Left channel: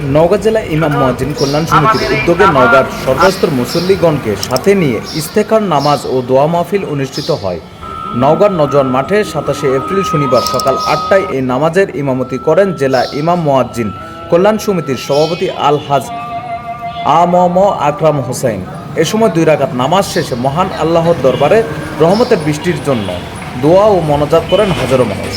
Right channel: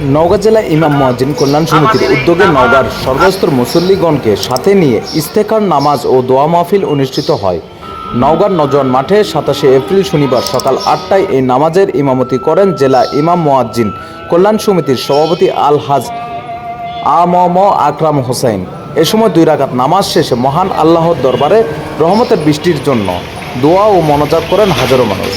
নওগাঁ জেলা ইমাম মহাজিন কল্যাণ সমিতির উদ্যোগে নওগাঁর সর্বস্তর মুসল্লিগণকে সাথে নিয়ে ইস্তেখার নামাজ ও দোয়া মাহফিল অনুষ্ঠিত হয়। নওগাঁর নজওয়ান মাঠে সাতাশে এপ্রিল শনিবার সকাল আটটায় এই নামাজের ইমামতি করেন জেলা ইমাম মোয়াজ্জিন কল্যাণ সমিতির সভাপতি আল হাজ আ ম ম আকরাম হোসেন। এ সময় দুই রাকাত নামাজ শেষে মহান আল্লাহর দরবারে রহমতের বৃষ্টির জন্য দোয়া ও মনোজাত করেন হাজারো মানুষ।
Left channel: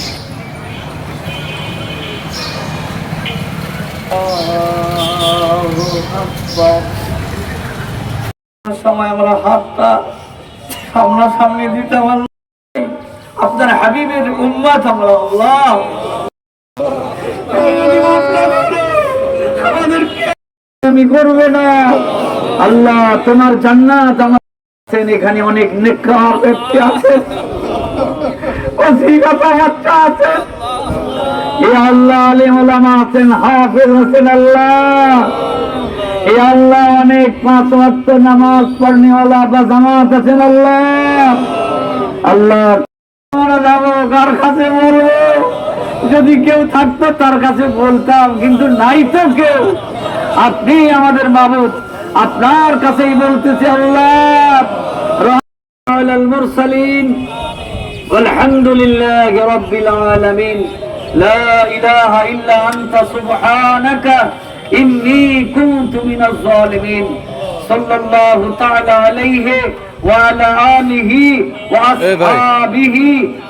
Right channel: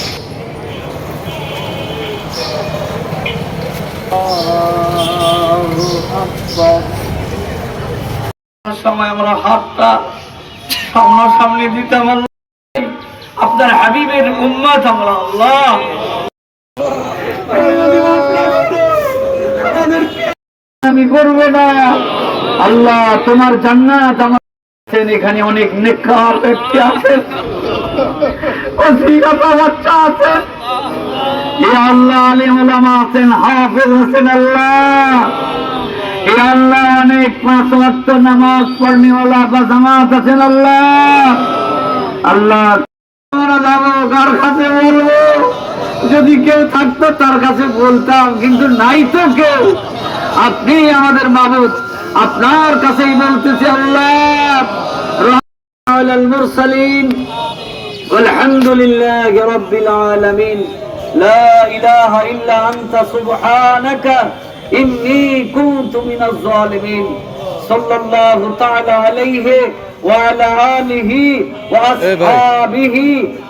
সময় আমরা হাতটা সামনাসামনি দিতে আপনার হাবিবের উম্মাদ আমরা আল্লাহ। আমি করবে না। আল্লাহ, তোমার জান্নাত আমার এখানে অনেক নেককার ব্যক্তি আছেন অসিকাতা বাচ্চা আছেন আল্লাহ আলিম ওলামা আছেন, হাফেজ আছেন, আল্লাহ। পাঁচ ওয়াক্ত নামাজ পড়নেওয়ালা বা জামাত আছেন আল্লাহ আল্লাহ আমরা যাবো কার কাছে বলবো যদি কেউ থাকতো তার কাছে বলতাম কিন্তু নাই তো কেউ আপনি আমাদের মাবুদ আপনার কাছেই বলতেছি আল্লাহ রহমান المرسلين والحمد لله رب العالمين لا إله إلا أنت سبحانك إني كنت من الظالمين صلى الله تعالى عليه وعلى آله وأصحابه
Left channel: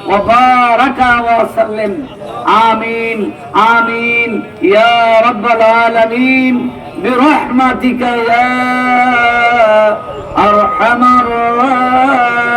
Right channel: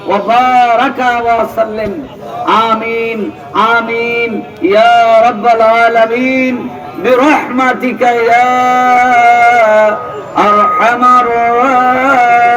وبارك وسلم. آمين آمين. يا رب العالمين. برحمتك يا أرحم الراحمين.